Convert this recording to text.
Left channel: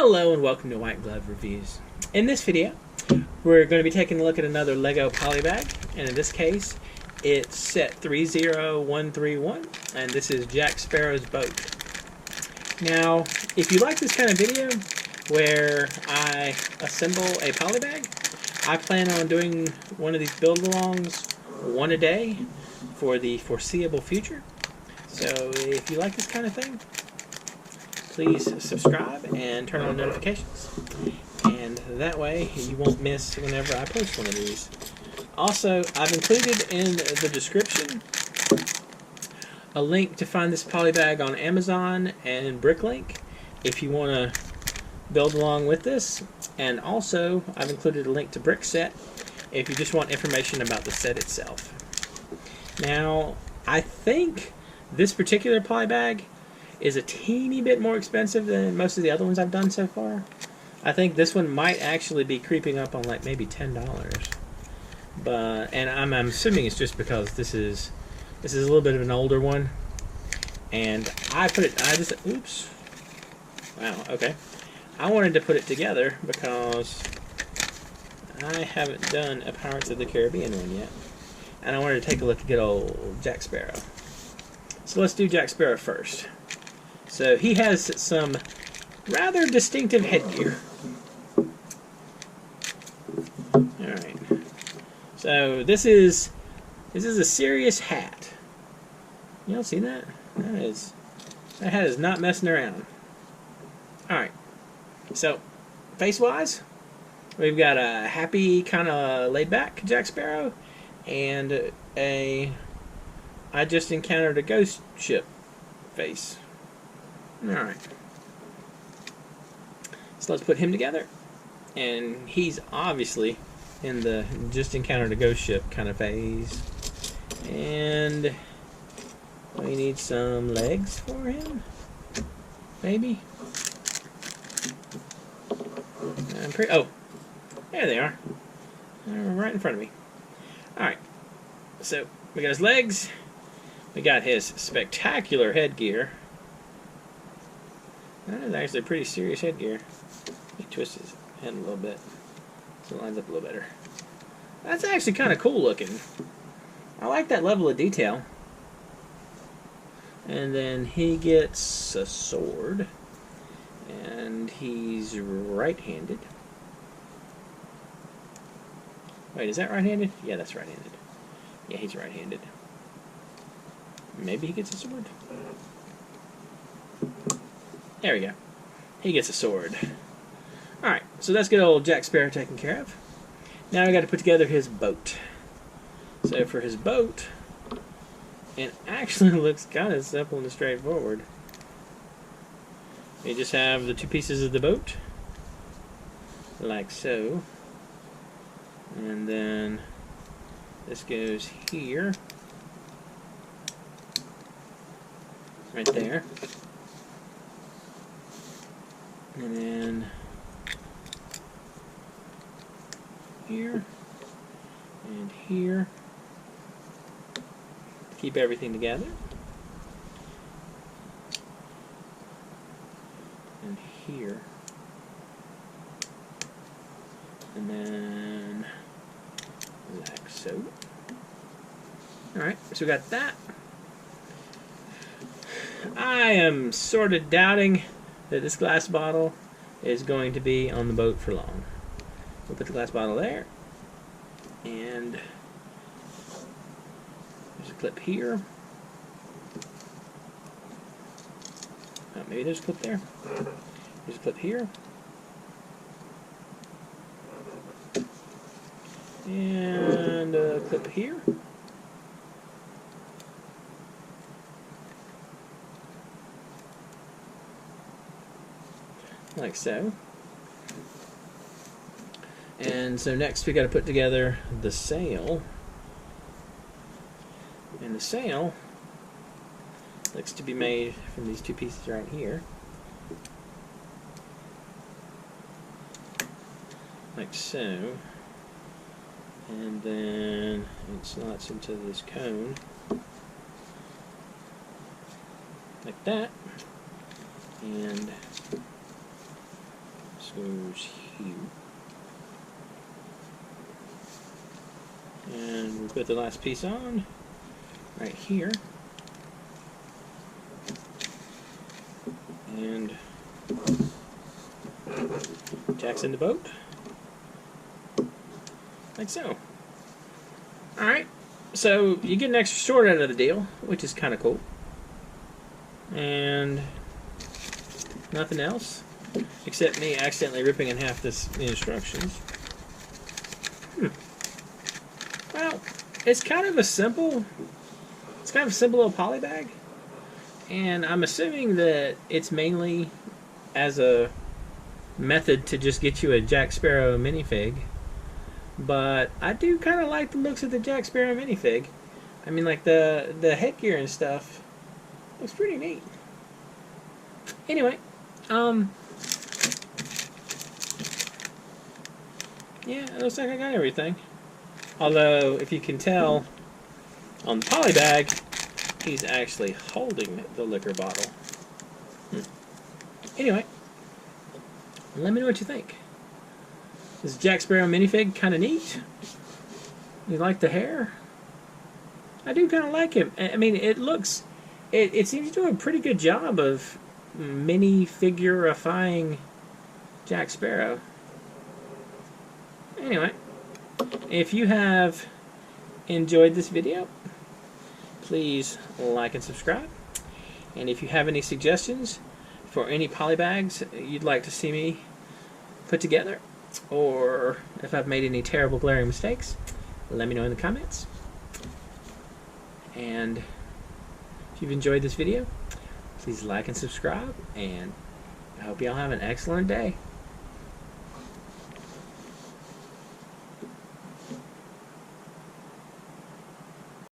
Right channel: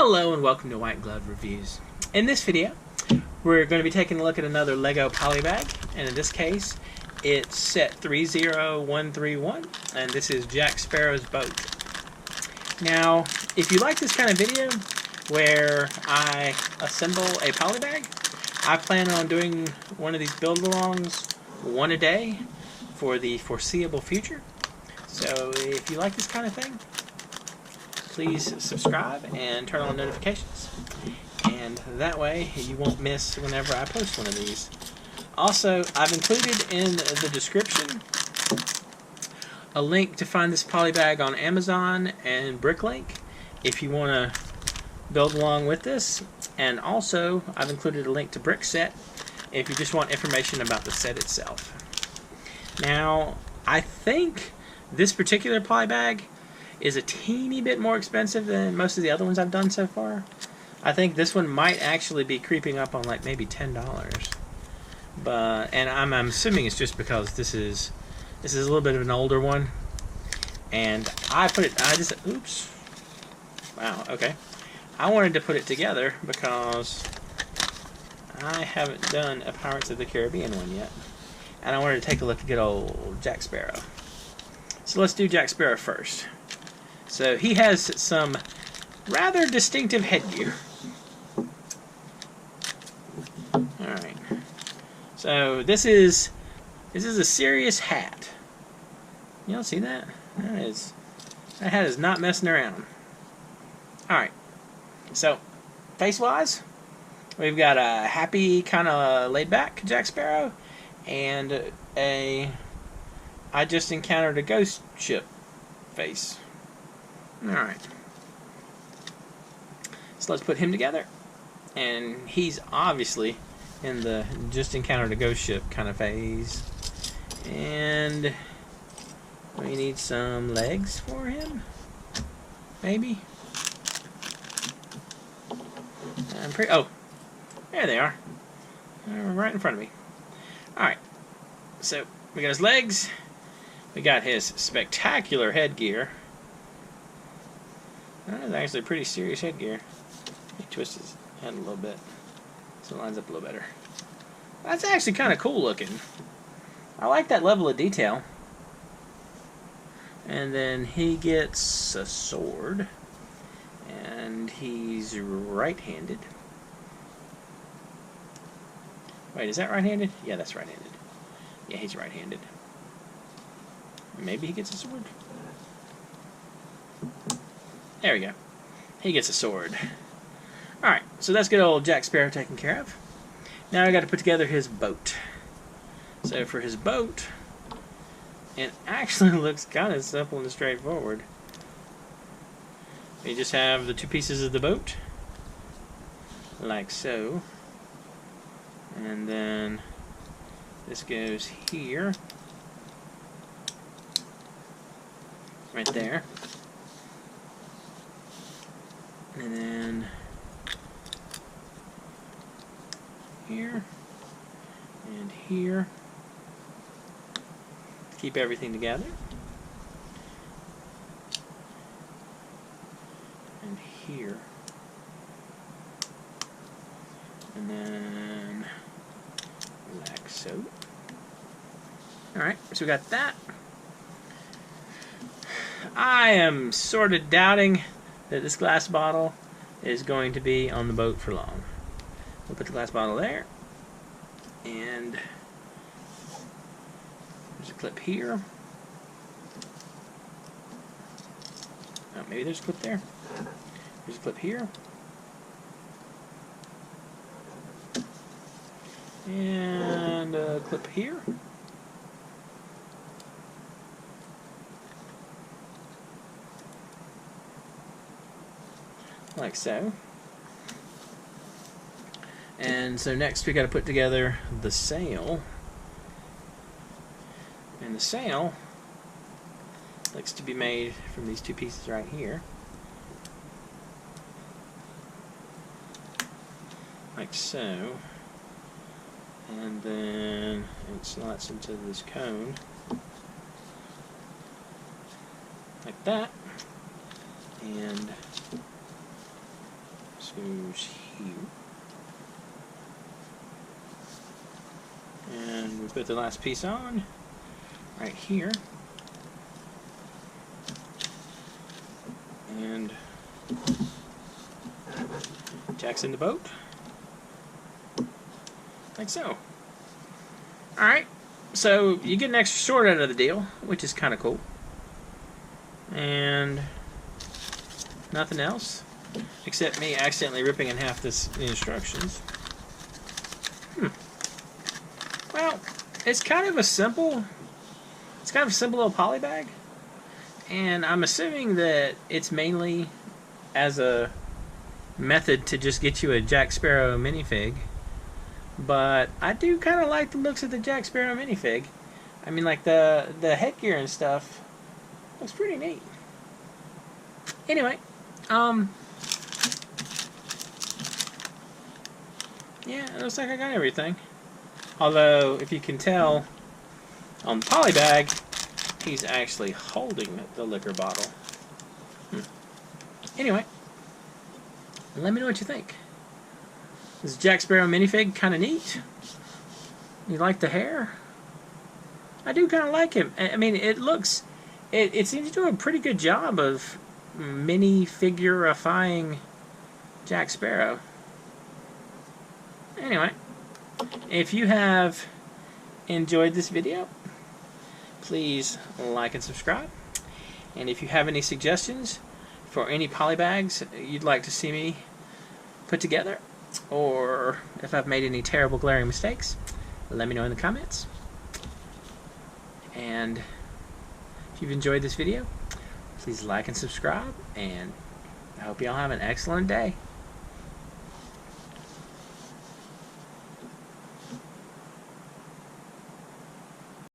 Hello and welcome to White Glove Reviews. In this video, we're going to be taking a look at another Lego Polybag, and in this case, it's set 30131, and this is Jack Sparrow's boat. Now, if you like this kind of video where I assemble a polybag, I plan on doing one of these build-alongs one a day for the foreseeable future. So if you like this kind of thing, please subscribe and turn on notifications, and that way you won't miss whenever I post one of these. Also, I've included in the description a link to find this polybag on Amazon and Bricklink if you want to build along with this, and also I've included a link to Brickset if you just want information about the set itself. Now, I think this particular polybag is a teeny bit more expensive than most of the other ones I've done so far. I think this one might actually be creeping up on like maybe $10. And I'm assuming it's just because this is a little bit of an older one, and oops. Wow, okay. I wanted to put it together because I haven't done a Pirates of the Caribbean one yet, and I wanted to take a look at good old Jack Sparrow. So let's do Jack Sparrow first. So he has some rather distinctive headgear. Alright. So this is a serious hat. You don't see that? That hat is not messing around. Alright. So, face-wise, we've got a happy, kind of laid-back Jack Sparrow, and I just encountered a ghost ship face. Alright. So let's put him together. And he's obviously in the just encountered a ghost ship kind of phase. And we need some legs for him. Maybe. Oh, there they are. Right in front of me. Alright. So we got his legs. We got his spectacular headgear. That is actually pretty serious headgear. He twists his head a little bit so it lines up a little better. That's actually kind of cool looking. I like that level of detail. And then he gets a sword, and he's right-handed. Wait, is that right-handed? Yeah, that's right-handed. Yeah, he's right-handed. Maybe he gets a sword. There we go. He gets a sword. Alright, so that's good old Jack Sparrow taken care of. Now I got to put together his boat. So for his boat, it actually looks kind of simple and straightforward. You just have the two pieces of the boat, like so. And then this goes here. Right there. And then here and here. Keep everything together. And here. And then like so. Alright, so we got that. I am sort of doubting that this glass bottle is going to be on the boat for long. We'll put the glass bottle there, and there's a clip here. Oh, maybe there's a clip there. There's a clip here. And a clip here. Like so. And so next we got to put together the sail. And the sail looks to be made from these two pieces right here. Like so. And then it slots into this cone. Like that. And goes here. And we put the last piece on right here. And jacks in the boat. Like so. Alright, so you get an extra sword out of the deal, which is kind of cool. And nothing else, except me accidentally ripping in half the instructions. Well, it's kind of a simple little poly bag. And I'm assuming that it's mainly as a method to just get you a Jack Sparrow minifig. But I do kind of like the looks of the Jack Sparrow minifig. I mean, like the headgear and stuff looks pretty neat. Anyway, yeah, it looks like I got everything. Although, if you can tell, on the poly bag, he's actually holding the liquor bottle. Anyway, let me know what you think. This Jack Sparrow minifig kind of neat. You like the hair? I do kind of like him. I mean, it seems to do a pretty good job of minifigurifying Jack Sparrow. Anyway, if you have enjoyed this video, please like and subscribe. And if you have any suggestions for any polybags you'd like to see me put together, or if I've made any terrible glaring mistakes, let me know in the comments. And if you've enjoyed this video, please like and subscribe, and I hope y'all have an excellent day.